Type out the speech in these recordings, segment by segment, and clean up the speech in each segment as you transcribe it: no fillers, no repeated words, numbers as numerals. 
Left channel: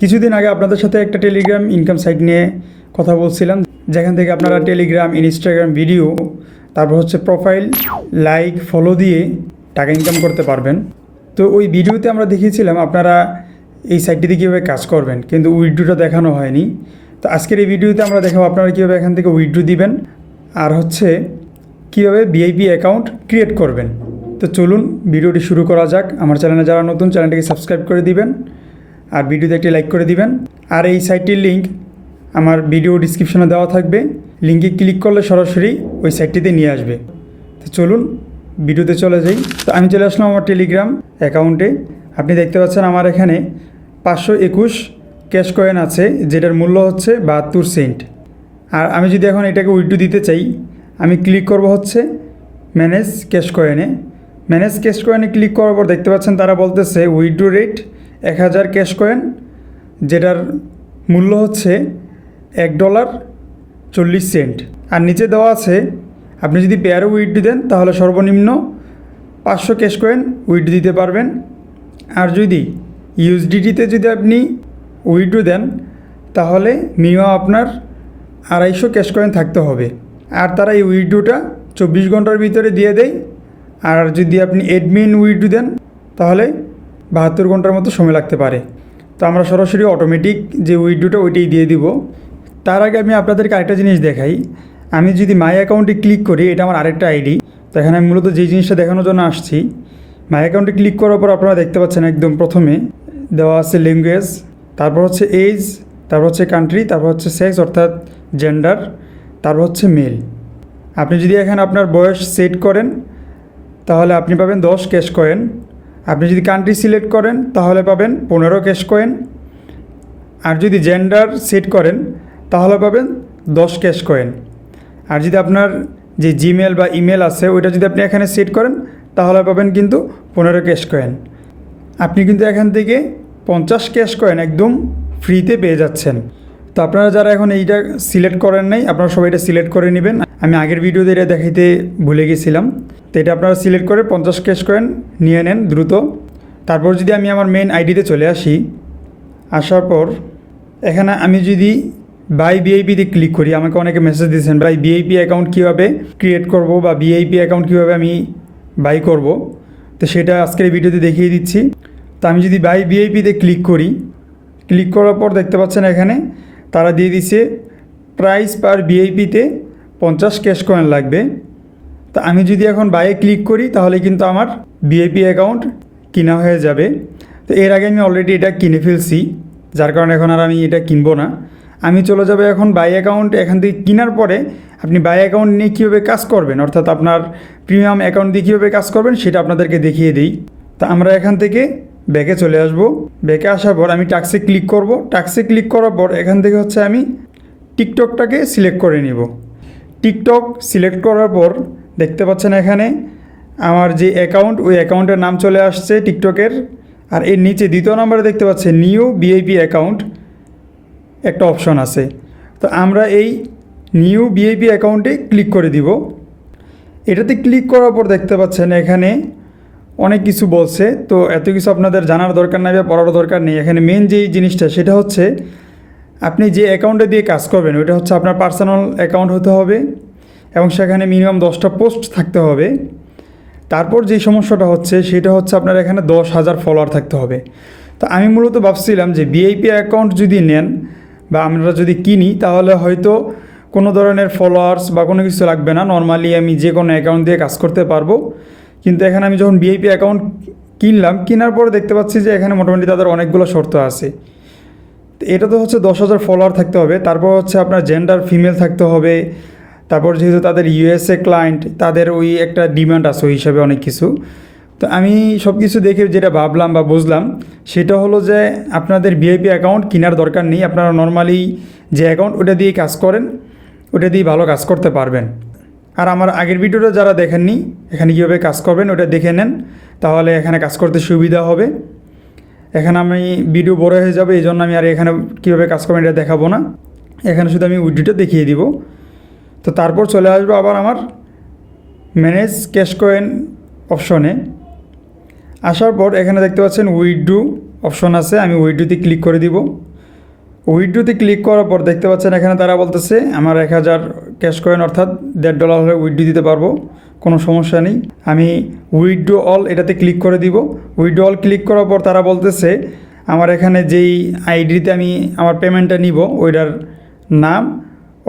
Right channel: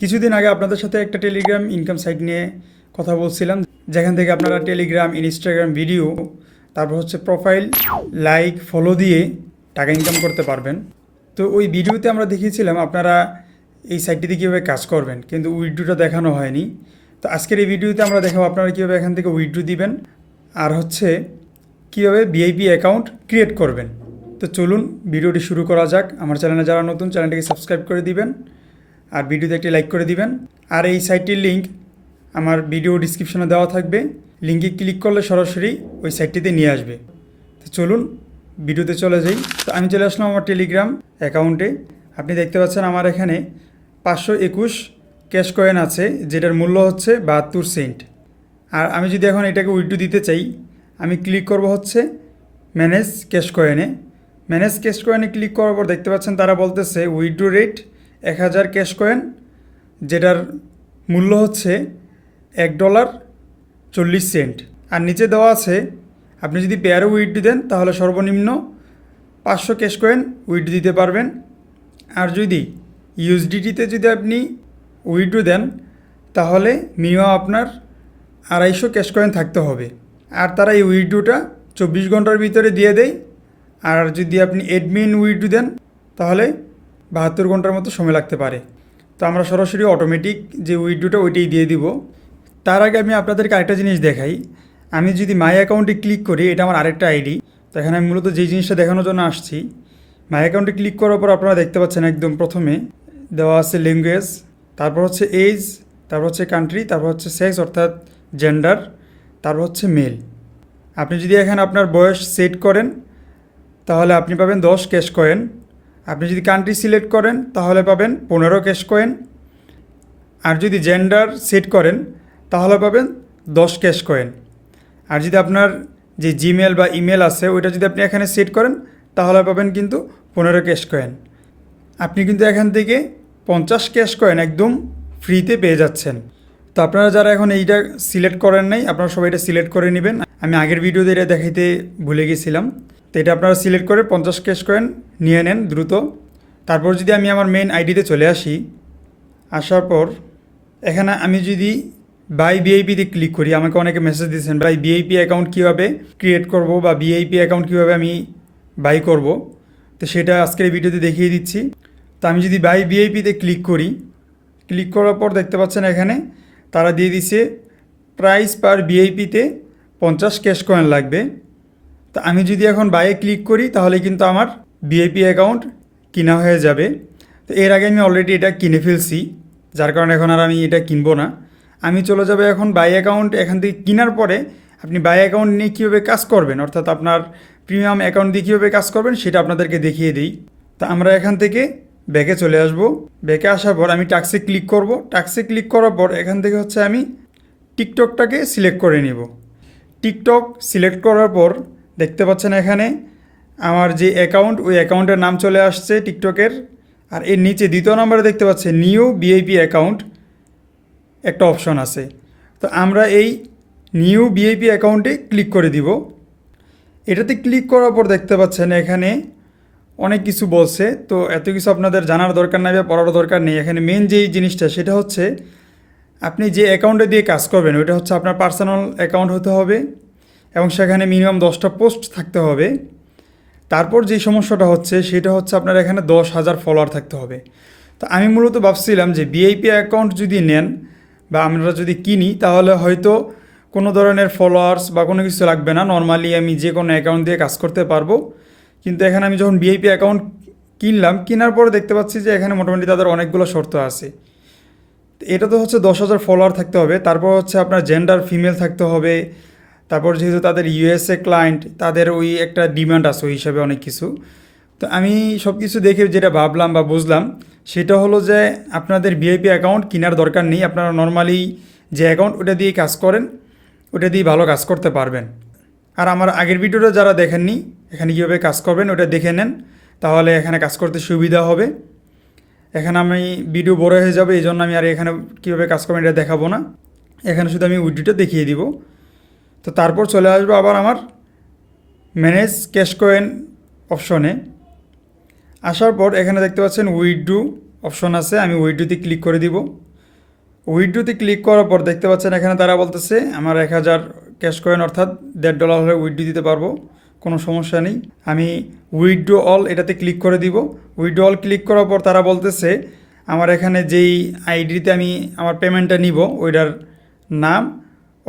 কিছুদিন আগে আপনাদের সাথে একটা টেলিগ্রাম ইনকাম সাইট নিয়ে কথা বলছিলাম, যেখান থেকে আপনারা টেলিগ্রাম, ইনস্টাগ্রাম ভিডিও, তারপর হচ্ছে প্রোফাইল, লাইক, ফলো দিয়ে টাকা ইনকাম করতে পারবেন। তো ওই ভিডিওতে আমরা দেখিয়েছিলাম আপনারা এই সাইটটিতে কীভাবে কাজ করবেন, কিন্তু উইথড্রোটা দেখানো হয়নি। তো আজকের এই ভিডিওতে আমরা দেখাবো আপনারা কীভাবে এখান থেকে উইথড্রো দিবেন, আর হচ্ছে কীভাবে ভিআইপি অ্যাকাউন্ট ক্রিয়েট করবেন। তো চলুন ভিডিওটি শুরু করা যাক। আমার চ্যানেলে যারা নতুন, চ্যানেলটিকে সাবস্ক্রাইব করে দিবেন আর ভিডিওতে একটি লাইক করে দিবেন। আর এই সাইটটির লিঙ্ক আমার ভিডিও ডিসক্রিপশনে দেওয়া থাকবে, লিঙ্কে ক্লিক করলে সরাসরি ওই সাইটটিতে নিয়ে আসবে। তো চলুন ভিডিওতে চলে যাই। তো আমি চলে আসলাম আমার টেলিগ্রাম অ্যাকাউন্টে। আপনি দেখতে পাচ্ছেন আমার এখানে 521 ক্যাশ কয়েন আছে, যেটার মূল্য হচ্ছে 72 সেন্ট। আর আমি যদি এখন এটাকে উইথড্রো দিতে চাই, আমি ক্লিক করব হচ্ছে ম্যানেজ ক্যাশ কয়েনে। ম্যানেজ ক্যাশ কয়েনে ক্লিক করার পর দেখতে পাচ্ছেন তারা বলতেছে উইথড্রো রেট 1000 ক্যাশ কয়েন, যেটার মূল্য হচ্ছে $1.40। আর নিচে দেওয়া আছে আপনি যদি পেয়ারে উইথড্রো দেন তাহলে সর্বনিম্ন 500 ক্যাশ কয়েন উইথড্রো দিতে পারবেন। আর যদি ইউএসডিটিতে যদি আপনি উইথড্রো দেন তাহলে মিনিমাম আপনার 250 ক্যাশ কয়েন থাকতে হবে। আর তারা এই উইথড্রোটা 24 ঘন্টার ভিতরে দিয়ে দেয়। আর যদি আপনি অ্যাডমিন উইথড্রো দেন তাহলে 72 ঘন্টার মতো সময় লাগতে পারে। তো আমরা সরাসরি অটোমেটিক যে উইথড্রোটা ওইটাই দিয়ে দিব। তার আগে আমি আপনাদেরকে আরেকটা জিনিস দেখাই। আমি যদি মাই অ্যাকাউন্টে ক্লিক করি, এটা আমার আরেকটা আইডি। তো এখানে আমি মূলত যে জিনিসটা দেখানোর জন্য আসছি, মাই অ্যাকাউন্টে ক্লিক করার পর আপনারা দেখতে পাচ্ছেন একদম প্রথমে দেওয়া আছে ল্যাঙ্গুয়েজ, তারপর হচ্ছে এজ, তারপর হচ্ছে কান্ট্রি, তারপর হচ্ছে সেক্স অর্থাৎ জেন্ডার, তারপর হচ্ছে মেল। আপনি যদি এখানে আপনার বয়স সেট করেন তাহলে আপনি পাবেন 10 ক্যাশ কয়েন। আপনি যদি কান্ট্রি সিলেক্ট করেন তাহলে পাবেন 15 ক্যাশ কয়েন। আর যদি জেন্ডার সেট করেন তাহলে পাবেন 10 ক্যাশ কয়েন। আর যদি আপনার যে জিমেল বা ইমেল আছে ওইটা যদি আপনি এখানে সেট করেন তাহলে পাবেন কিন্তু 15 ক্যাশ কয়েন। আপনি কিন্তু এখান থেকে 50 ক্যাশ কয়েন একদম ফ্রিতে পেয়ে যাচ্ছেন। তো আপনারা যারা এখন এইটা সিলেক্ট করেন নাই, আপনারা সবাই এটা সিলেক্ট করে নেবেন। আমি আগের ভিডিওতে এটা দেখাইতে ভুলে গেছিলাম। তো এটা আপনারা সিলেক্ট করে 50 ক্যাশ কয়েন নিয়ে নেন দ্রুত। তারপর যদি আমি আমার মেন আইডিতে চলে আসি, আসার পর এখানে আমি যদি বাই ভিআইপিতে ক্লিক করি, আমাকে অনেকে মেসেজ দিয়েছেন বাই ভিআইপি অ্যাকাউন্ট কীভাবে ক্রিয়েট করব বা ভিআইপি অ্যাকাউন্ট কীভাবে আমি বাই করব। তো সেটা আজকের এই ভিডিওতে দেখিয়ে দিচ্ছি। তো আমি যদি বাই ভিআইপিতে ক্লিক করি, ক্লিক করার পর দেখতে পাচ্ছেন এখানে তারা দিয়ে দিচ্ছে প্রাইস পার ভিআইপিতে 50 ক্যাশ কয়েন লাগবে। তো আমি যদি এখন বাইয়ে ক্লিক করি তাহলে কিন্তু আমার ভিআইপি অ্যাকাউন্ট কিনা হয়ে যাবে। তো এর আগে আমি অলরেডি এটা কিনে ফেলছি, যার কারণে এখন আর আমি এটা কিনবো না। আমি চলে যাবো এখন বাই অ্যাকাউন্ট। এখান থেকে কেনার পরে আপনি বাই অ্যাকাউন্ট নিয়ে কীভাবে কাজ করবেন, অর্থাৎ আপনার প্রিমিয়াম অ্যাকাউন্ট দিয়ে কীভাবে কাজ করবেন সেটা আপনাদেরকে দেখিয়ে দিই। তো আমরা এখান থেকে ব্যাকে চলে আসব। ব্যাকে আসার পর আমি টাক্সে ক্লিক করব। টাক্সে ক্লিক করার পর এখান থেকে হচ্ছে আমি টিকটকটাকে সিলেক্ট করে নিব। টিকটক সিলেক্ট করার পর দেখতে পাচ্ছেন এখানে আমার যে অ্যাকাউন্ট, ওই অ্যাকাউন্টের নাম চলে আসছে টিকটকের। আর এর নিচে দ্বিতীয় নম্বরে দেখতে পাচ্ছেন নিউ ভিআইপি অ্যাকাউন্ট একটা অপশন আছে। তো আমরা এই নিউ ভিআইপি অ্যাকাউন্টে ক্লিক করে দিব। এটাতে ক্লিক করার পর দেখতে পাচ্ছেন এখানে অনেক কিছু বলছে। তো এত কিছু আপনাদের জানার দরকার নাই বা পড়ার দরকার নেই। এখানে মেন যেই জিনিসটা সেটা হচ্ছে আপনি যে অ্যাকাউন্টে দিয়ে কাজ করবেন ওইটা হচ্ছে আপনার পার্সোনাল অ্যাকাউন্ট হতে হবে এবং সেখানে মিনিমাম 10টা পোস্ট থাকতে হবে। তারপর যে সমস্যাটা হচ্ছে সেটা হচ্ছে আপনার এখানে 10,000 ফলোয়ার থাকতে হবে। তো আমি মূলত ভাবছিলাম যে ভিআইপি অ্যাকাউন্ট যদি নেন বা আমরা যদি কিনি তাহলে হয়তো কোনো ধরনের ফলোয়ার্স বা কোনো কিছু লাগবে না, নর্মালি আমি যে কোনো অ্যাকাউন্ট দিয়ে কাজ করতে পারবো। কিন্তু এখানে আমি যখন ভিআইপি অ্যাকাউন্ট কিনলাম, কেনার পরে দেখতে পাচ্ছি যে এখানে মোটামুটি তাদের অনেকগুলো শর্ত আছে। তো এটা তো হচ্ছে 10,000 ফলোয়ার থাকতে হবে, তারপর হচ্ছে আপনার জেন্ডার ফিমেল থাকতে হবে, তারপর যেহেতু তাদের ইউএসএ ক্লায়েন্ট তাদের ওই একটা ডিমান্ড আছে ওই হিসাবে অনেক কিছু। তো আমি সব কিছু দেখে যেটা ভাবলাম বা বুঝলাম সেটা হলো যে আপনাদের ভিআইপি অ্যাকাউন্ট কেনার দরকার নেই। আপনারা নর্মালি যে অ্যাকাউন্ট ওটা দিয়ে কাজ করেন, ওটা দিয়ে ভালো কাজ করতে পারবেন। আর আমার আগের ভিডিওটা যারা দেখেননি, এখানে কীভাবে কাজ করবেন ওটা দেখে নেন, তাহলে এখানে কাজ করতে সুবিধা হবে। এখানে আমি ভিডিও বড় হয়ে যাবে, এই জন্য আমি আর এখানে কীভাবে কাজ করবেন এটা দেখাবো না। এখানে শুধু আমি উইথড্রোটা দেখিয়ে দিব। তো তারপর চলে আসবো আবার আমার ম্যানেজ ক্যাশ কয়েন অপশনে। আসার পর এখানে দেখতে পাচ্ছেন উইথড্রো অপশন আছে, আমি উইথড্রোতে ক্লিক করে দিব। উইথড্রোতে ক্লিক করার পর দেখতে পাচ্ছেন এখানে তারা বলতেছে আমার 1000 ক্যাশ কয়েন অর্থাৎ $1.5 হলে উইথড্রো দিতে পারবো, কোনো সমস্যা নেই। আমি উইথড্রো অল এটাতে ক্লিক করে দিব। উইথড্রো অল ক্লিক করার পর তারা বলতেছে আমার এখানে যেই আইডিতে আমি আমার পেমেন্টটা নিব ওইটার নাম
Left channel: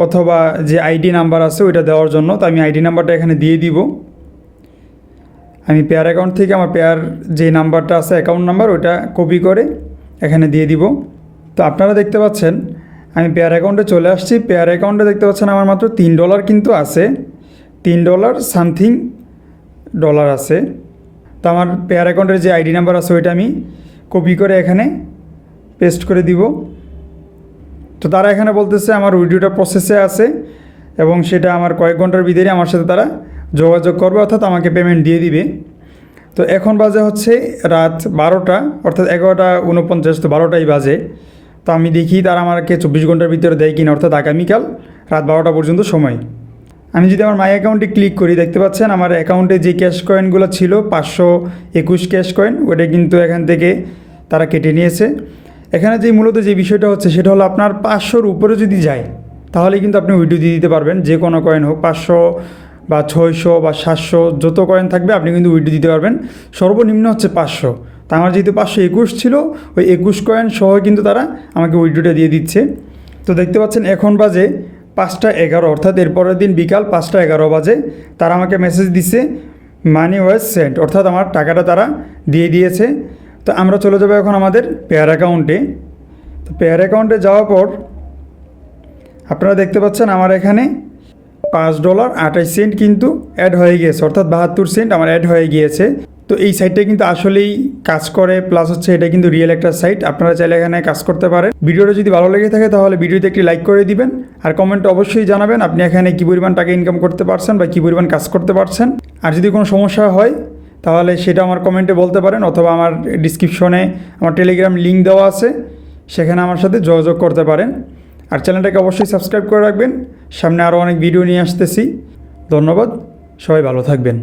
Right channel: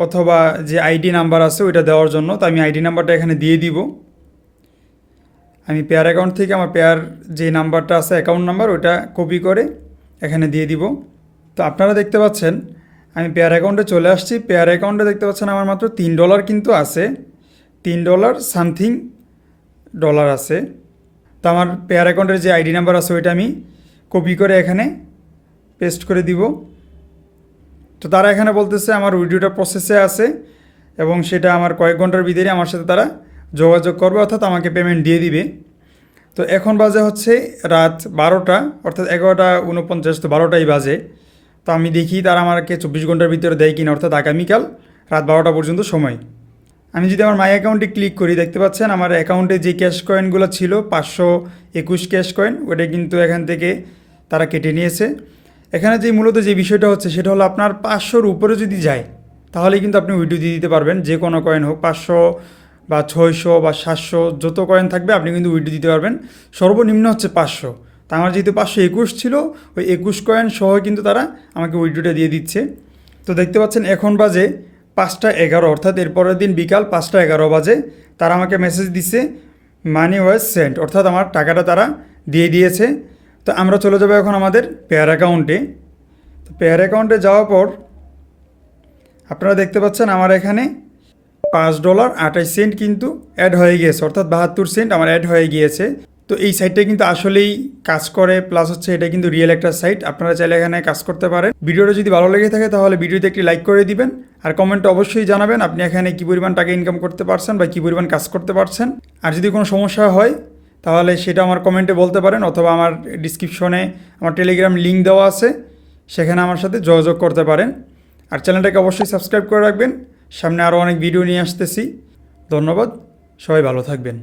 অথবা যে আইডি নাম্বার আছে ওইটা দেওয়ার জন্য। তো আমি আইডি নাম্বারটা এখানে দিয়ে দিব। আমি পেয়ার অ্যাকাউন্ট থেকে আমার পেয়ার যে নাম্বারটা আছে অ্যাকাউন্ট নাম্বার ওইটা কপি করে এখানে দিয়ে দিব। তো আপনারা দেখতে পাচ্ছেন আমি পেয়ার অ্যাকাউন্টে চলে আসছি। পেয়ার অ্যাকাউন্টে দেখতে পাচ্ছেন আমার মাত্র $3 কিন্তু আছে, $3 সামথিং ডলার আছে। তো আমার পেয়ার অ্যাকাউন্টের যে আইডি নাম্বার আছে ওইটা আমি কপি করে এখানে পেস্ট করে দিব। তো তারা এখানে বলতেছে আমার উইথড্রোটা প্রসেসে আছে এবং সেটা আমার কয়েক ঘন্টার ভিতরে আমার সাথে তারা যোগাযোগ করবে অর্থাৎ আমাকে পেমেন্ট দিয়ে দিবে। তো এখন বাজে হচ্ছে রাত 12টা অর্থাৎ 11:49, তো 12টাই বাজে। তো আমি দেখি তারা আমাকে 24 ঘন্টার ভিতরে দেয় কিনা, অর্থাৎ আগামীকাল রাত 12টা পর্যন্ত সময়। আমি যদি আমার মাই অ্যাকাউন্টে ক্লিক করি দেখতে পাচ্ছেন আমার অ্যাকাউন্টে যে ক্যাশ কয়েনগুলো ছিল 521 ক্যাশ কয়েন ওটা কিন্তু এখান থেকে তারা কেটে নিয়েছে। এখানে যে মূলত যে বিষয়টা হচ্ছে সেটা হলো আপনার 500-র উপরে যদি যায় তাহলে কিন্তু আপনি উইথড্রো দিয়ে দিতে পারবেন, যে কোনো কয়েন হোক, 500 বা 600 বা 700 যত কয়েন থাকবে আপনি কিন্তু উইথড্রো দিতে পারবেন। সর্বনিম্ন হচ্ছে 500। তা আমার যেহেতু 521 ছিল ওই 21 কয়েন সহ কিন্তু তারা আমাকে উইথড্রোটা দিয়ে দিচ্ছে। তো দেখতে পাচ্ছেন এখন বাজে 5টা 11, অর্থাৎ এরপরের দিন বিকাল 5টা 11 বাজে তারা আমাকে মেসেজ দিচ্ছে মানি ওয়াজ সেন্ট, অর্থাৎ আমার টাকাটা তারা দিয়ে দিয়েছে। তো আমরা চলে যাবো এখন আমাদের পেয়ার অ্যাকাউন্টে। তো পেয়ার অ্যাকাউন্টে যাওয়ার পর আপনারা দেখতে পাচ্ছেন আমার এখানে $5.28 কিন্তু অ্যাড হয়ে গিয়েছে, অর্থাৎ 72 সেন্ট আমার অ্যাড হয়ে গিয়েছে। তো এই সাইটটা কিন্তু আসলেই কাজ করে, প্লাস হচ্ছে এটা কিন্তু রিয়েল একটা সাইট, আপনারা চাইলে এখানে কাজ করতে পারেন। ভিডিওটা যদি ভালো লেগে থাকে তাহলে ভিডিওতে একটি লাইক করে দিবেন আর কমেন্টে অবশ্যই জানাবেন আপনি এখানে কী পরিমাণ টাকা ইনকাম করতে পারছেন বা কী পরিমাণ কাজ করতে পারছেন। আর যদি কোনো সমস্যা হয় তাহলে সেটা আমার কমেন্টে বলতে পারেন অথবা আমার ডিসক্রিপশনে আমার টেলিগ্রাম লিঙ্ক দেওয়া আছে, সেখানে আমার সাথে যোগাযোগ করতে পারেন। আর চ্যানেলটাকে অবশ্যই সাবস্ক্রাইব করে রাখবেন, সামনে আরও অনেক ভিডিও নিয়ে আসতেছি। ধন্যবাদ, সবাই ভালো থাকবেন।